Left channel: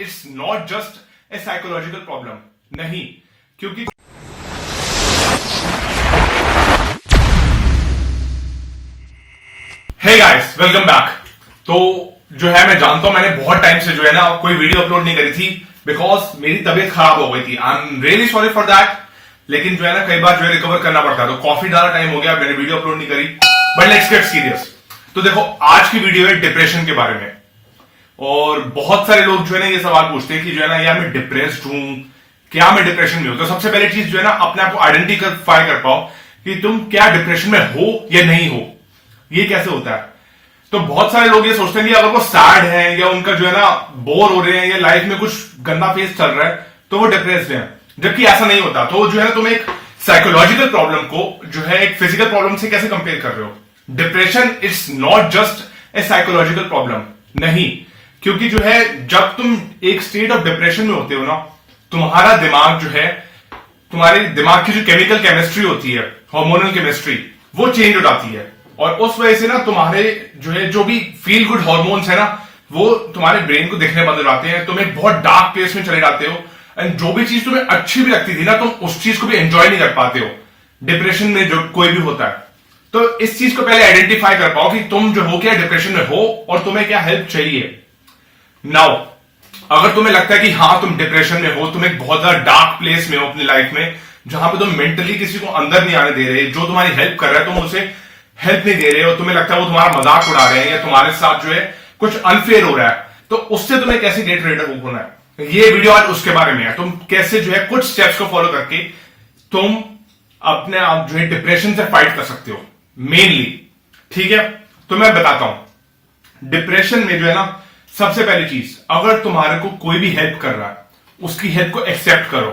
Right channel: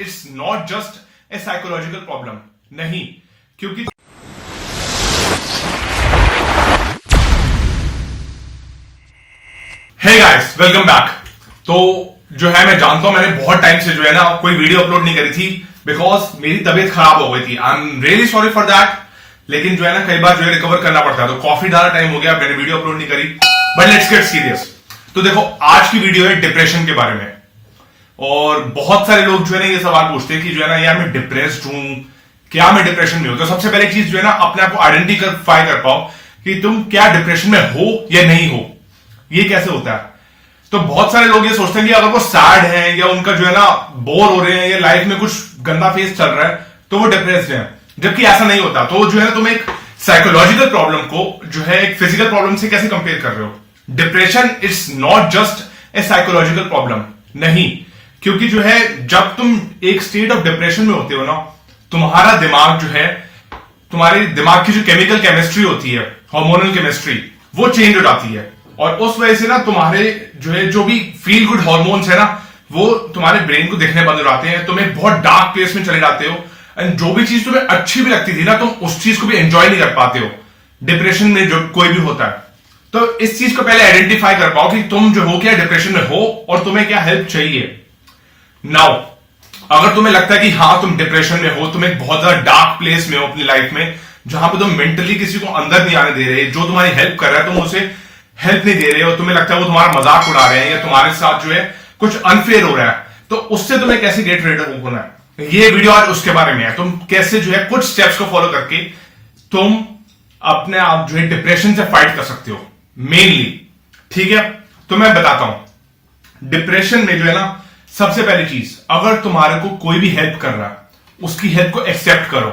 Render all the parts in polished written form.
It's not just a psychological problem, नहीं, क्योंकि hey guys, welcome back. तो जो है, मैं जानता हूं मैंने बहुत टाइम से जो है ना कोई वीडियो अपलोड नहीं करी थी बिकॉज मेरी तबीयत खराब हो गई थी। I am really sorry for that. लेकिन जो है ना कई बार जो है रिकवर करना पड़ता है, तो काफी ज्यादा टाइम हो गया, मैंने वीडियो अपलोड नहीं करी। But let's get serious. तो देखो, आज की वीडियो है डिप्रेशन के बारे में। और बहुत सारे लोग जो है ना ये सवाल पूछते हैं कि जो है ना यार मैं डिप्रेस्ड हूं, क्या मैं डिप्रेशन में हूं। तो सबसे पहले चीज जो है ना अपने आप को आइडेंटिफाई कर पाओ कि तुम क्या डिप्रेशन में हो या नहीं हो। ये कैसे होता है? तो बहुत सारे लोग ये सोचते हैं कि अगर वो सैड है या उनका जो है ना बोर हो रहे हैं या लाइफ में कुछ गंदा फेस चल रहा है तो वो डिप्रेस्ड है, जबकि ऐसा नहीं होता। तो जो है ना तुम एक साइकोलॉजिकल प्रॉब्लम को जो है एक फिजिकल प्रॉब्लम से कैसे कंपेयर कर रहे हो। Depression it's not just a psychological problem, नहीं, क्योंकि जो है जब तुम एक स्टेट ऑफ डिप्रेशन में होते हो ना, तुम्हारा दिमाग जो है, तुम्हारे दिमाग की जो केमिकल केमिस्ट्री होती है, हार्मोनल केमिस्ट्री, वो चेंज हो जाती है। और उस वजह से ना तुम्हारे जो है जो भी फील गुड हार्मोन्स है ना, वो तुम्हारे ब्रेन को दिखने बंद हो जाते हैं। तुम एक बहुत डार्क प्लेस में चले जाते हो एंड जो भी चीज तुम्हें अच्छी भी लगती थी ना, तुम उस चीज को भी एंजॉय नहीं कर पाते हो। डिप्रेशन में जो कोई भी होता है, तो इस चीज को पहले आइडेंटिफाई कर पाओ कि तुम जो हो क्या डिप्रेशन में हो और तुम्हें क्या हेल्प चाहिए। नाउ, अगर तुम्हें लगता है कि हाँ तुम डिप्रेशन में हो, तुम एक बहुत ज्यादा डार्क प्लेस में हो अपनी लाइफ में, जहां पे तुम मेंटली किसी को अंदर नहीं आने दे रहे, जो तुम्हारी हेल्प कर रहा है तुम उसे हेल्प नहीं दे रहे हो, तुम्हें लगता है वो तुम्हारा मजाक उड़ा रहे हैं या तुम्हारे साथ जो है कुछ अनफेयर हो रहा है, तो उससे तुम्हें कैसे गेट रेड होना है, ये वीडियो आज उसके बारे में है। तुम कैसे जो है कुछ स्टेप्स को फॉलो करके तुम अपने आप जो है डिप्रेशन से फाइट कर सकते हो मेनली। ठीक है, तो मैं बताता हूं। डिप्रेशन में जो है ना, सबसे पहली चीज, अगर तुम्हारे को कोई भी हेल्प कर रहा है, उसकी हेल्प को एक्सेप्ट करो।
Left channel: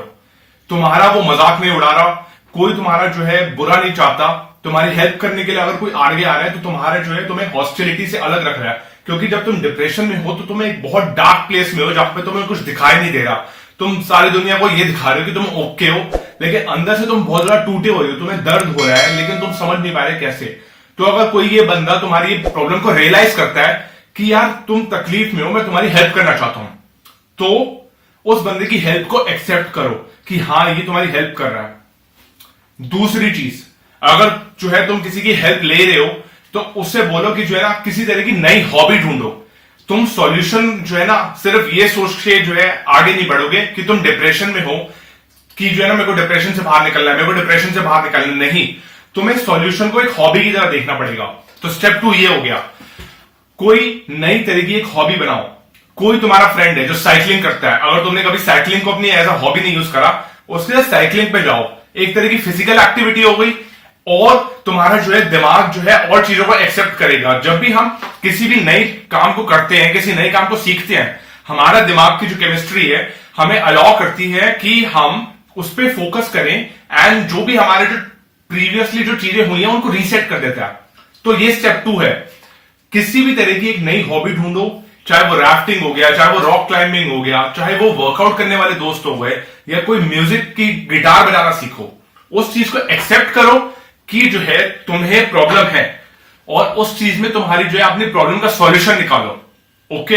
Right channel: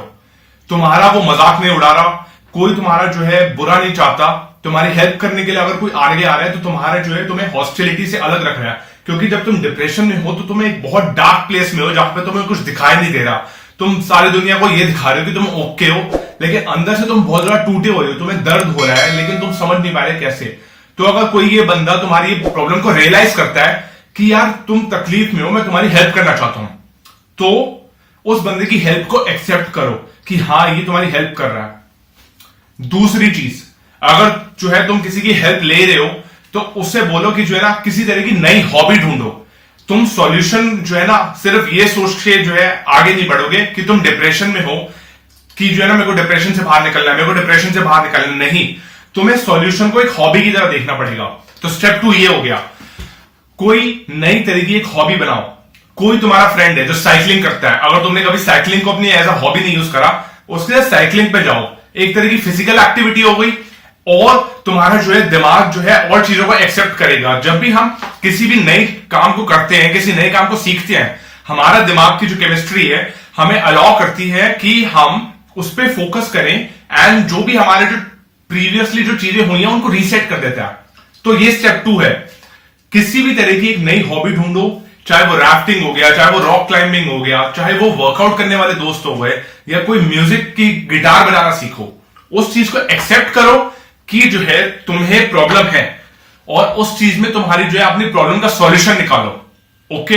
तुम्हारा वो मजाक नहीं उड़ा रहा, कोई तुम्हारा जो है बुरा नहीं चाहता। तुम्हारी हेल्प करने के लिए अगर कोई आगे आ रहा है तो तुम्हारा जो है तुम्हें हॉस्टिलिटी से अलग रख रहा है, क्योंकि जब तुम डिप्रेशन में हो तो तुम एक बहुत डार्क प्लेस में हो जहां पे तुम्हें कुछ दिखाई नहीं दे रहा। तुम सारी दुनिया को ये दिखा रहे हो कि तुम ओके हो, लेकिन अंदर से तुम बहुत ज्यादा टूटे हुए हो, तुम्हें दर्द हो रहा है, लेकिन तुम समझ नहीं पा रहे कैसे। तो अगर कोई ये बंदा तुम्हारी प्रॉब्लम को रियलाइज करता है कि यार तुम तकलीफ में हो, मैं तुम्हारी हेल्प करना चाहता हूं, तो उस बंदे की हेल्प को एक्सेप्ट करो कि हाँ ये तुम्हारी हेल्प कर रहा है। दूसरी चीज, अगर जो है तुम किसी की हेल्प ले रहे हो तो उससे बोलो कि जो है ना किसी तरह की नई हॉबी ढूंढो। तुम सॉल्यूशन जो है ना सिर्फ ये सोच के जो है आगे नहीं बढ़ोगे कि तुम डिप्रेशन में हो कि जो है ना मेरे को डिप्रेशन से बाहर निकलना है, मेरे को डिप्रेशन से बाहर निकलना नहीं। तुम्हें सॉल्यूशन को एक हॉबी की तरह देखना पड़ेगा। तो स्टेप 2 ये हो गया, कोई नई तरह की एक हॉबी बनाओ। कोई तुम्हारा फ्रेंड है जो साइकिलिंग करता है, अगर तुमने कभी साइकिलिंग को अपनी एज अ हॉबी नहीं यूज करा, उसके लिए साइकिलिंग पे जाओ। एक तरह की फिजिकल एक्टिविटी हो गई और तुम्हारा जो है दिमाग जो है और चीजों को एक्सेप्ट करेगा। जब भी हम किसी भी नए काम को करते हैं, किसी नए काम को सीखते हैं, हमारा दिमाग की जो केमिस्ट्री है हमें अलाउ करती है कि हम उस पर फोकस करें एंड जो भी हमारे जो प्रीवियसली जो चीजें हुई हैं उनको रीसेट कर देता है। तो ये स्टेप 2 है। किसी भी तरह की एक नई हॉबी ढूंढो, चाहे वो राफ्टिंग हो गया, चाहे वो रॉक क्लाइंबिंग हो गया, चाहे वो वर्कआउट करने वाले दोस्त हो गए, या कोई म्यूजिक की गिटार बजाना सीखो। उस चीज को एक्सेप्ट करो कि जो है तुम्हें प्रॉब्लम है और उस चीज में तुम्हारी जो है अपनी प्रॉब्लम का सॉल्यूशन निकालो। ओके,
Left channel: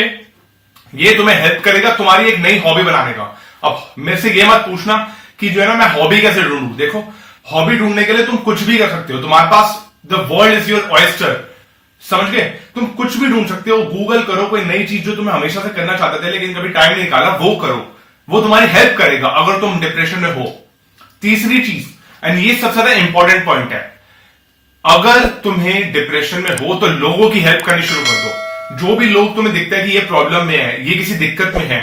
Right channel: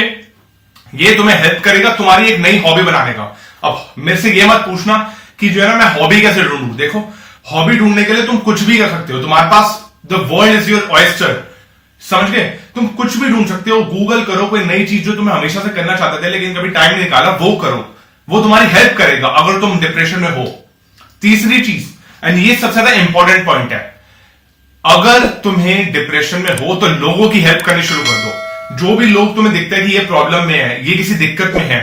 ये तुम्हें हेल्प करेगा तुम्हारी एक नई हॉबी बनाने का। अब मेरे से ये मत पूछना कि जो है ना मैं हॉबी कैसे ढूंढूं। देखो, हॉबी ढूंढने के लिए तुम कुछ भी कर सकते हो। तुम्हारे पास the world is your oyster, समझ गए? तुम कुछ भी ढूंढ सकते हो। गूगल करो कोई नई चीज जो तुम्हें हमेशा से करना चाहते थे लेकिन कभी टाइम नहीं निकाला, वो करो। वो तुम्हारी हेल्प करेगा अगर तुम डिप्रेशन में हो। तीसरी चीज, एंड ये सबसे ज्यादा इंपॉर्टेंट पॉइंट है, अगर तुम्हें डिप्रेशन में हो तो लोगों की हेल्प करनी शुरू कर दो। जो भी लोग तुम्हें दिखता है कि ये प्रॉब्लम में है, ये किसी दिक्कत में है,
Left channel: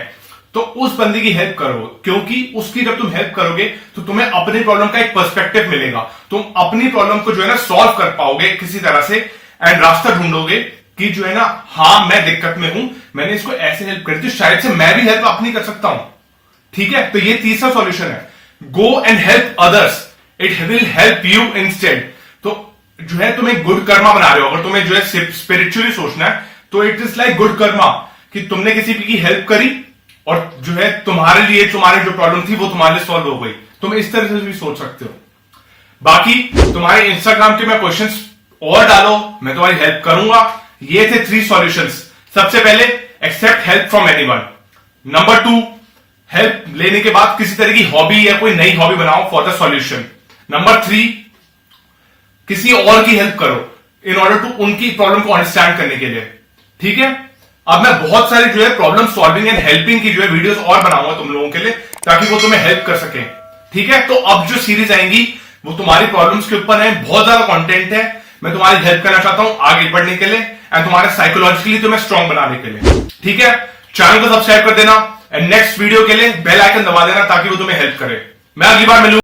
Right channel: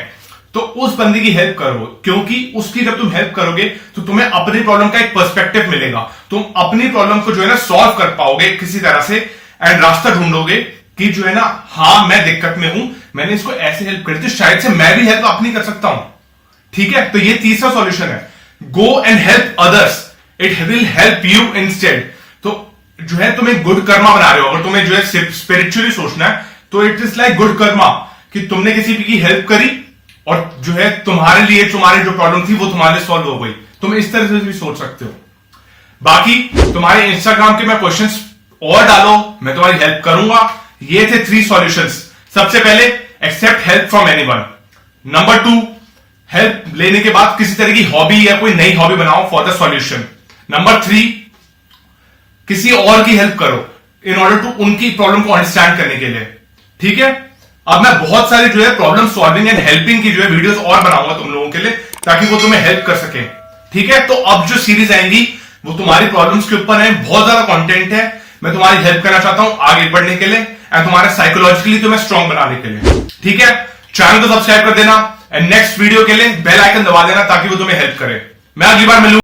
तो उस बंदे की हेल्प करो, क्योंकि उसकी जब तुम हेल्प करोगे तो तुम्हें अपनी प्रॉब्लम का एक पर्सपेक्टिव मिलेगा। तुम अपनी प्रॉब्लम को जो है ना सॉल्व कर पाओगे किसी तरह से एंड रास्ता ढूंढोगे कि जो है ना हाँ मैं दिक्कत में हूं, मैंने इसको ऐसे हेल्प करी तो शायद से मैं भी हेल्प अपनी कर सकता हूं। ठीक है, तो ये तीसरा सॉल्यूशन है, go and help others, it will help you instead. तो जो है तुम एक गुड कर्मा बना रहे हो। अगर तुम्हें जो है स्पिरिचुअली सोचना है तो it is like good Karma, कि तुमने किसी की हेल्प करी और जो है तुम्हारे लिए तुम्हारी जो प्रॉब्लम थी वो तुम्हारे लिए सॉल्व हो गई। तुम इस तरह से भी सोच सकते हो। बाकी तुम्हारे इंस्टाग्राम के मैं क्वेश्चंस और डालो, मैं तुम्हारी हेल्प करूंगा। ये थे 3 सॉल्यूशंस। सबसे पहले, accept help from anyone. Number 2, help लेने के बाद किसी तरह की हॉबी या कोई नई हॉबी बनाओ फॉर द सॉल्यूशन। नंबर 3, किसी और की हेल्प करो इन ऑर्डर टू उनकी प्रॉब्लम को अंडरस्टैंड करने के लिए। ठीक है, अब मैं बहुत सारी जो है प्रॉब्लम सॉल्विंग एंड हेल्पिंग की जो है वीडियोस और बनाऊंगा तुम लोगों के लिए, ताकि वो तुम्हें हेल्प कर सके। ठीक है, तो अब जो सीरीज आएंगी वो तुम्हारी प्रॉब्लम्स के ऊपर है, बहुत ज्यादा कंटेंट है। मैं तुम्हारी हेल्प करना चाहता हूं आगे बढ़ने के लिए एंड तुम्हारे साइकोलॉजिकली तुम्हें स्ट्रांग बनाने के लिए। ठीक है, चैनल को सब्सक्राइब कर देना एंड नेक्स्ट वीडियो के लिए बेल आइकन दबा देना ताकि वो तुम्हें हेल्प करे। मैं अगली बार मिलूंगा।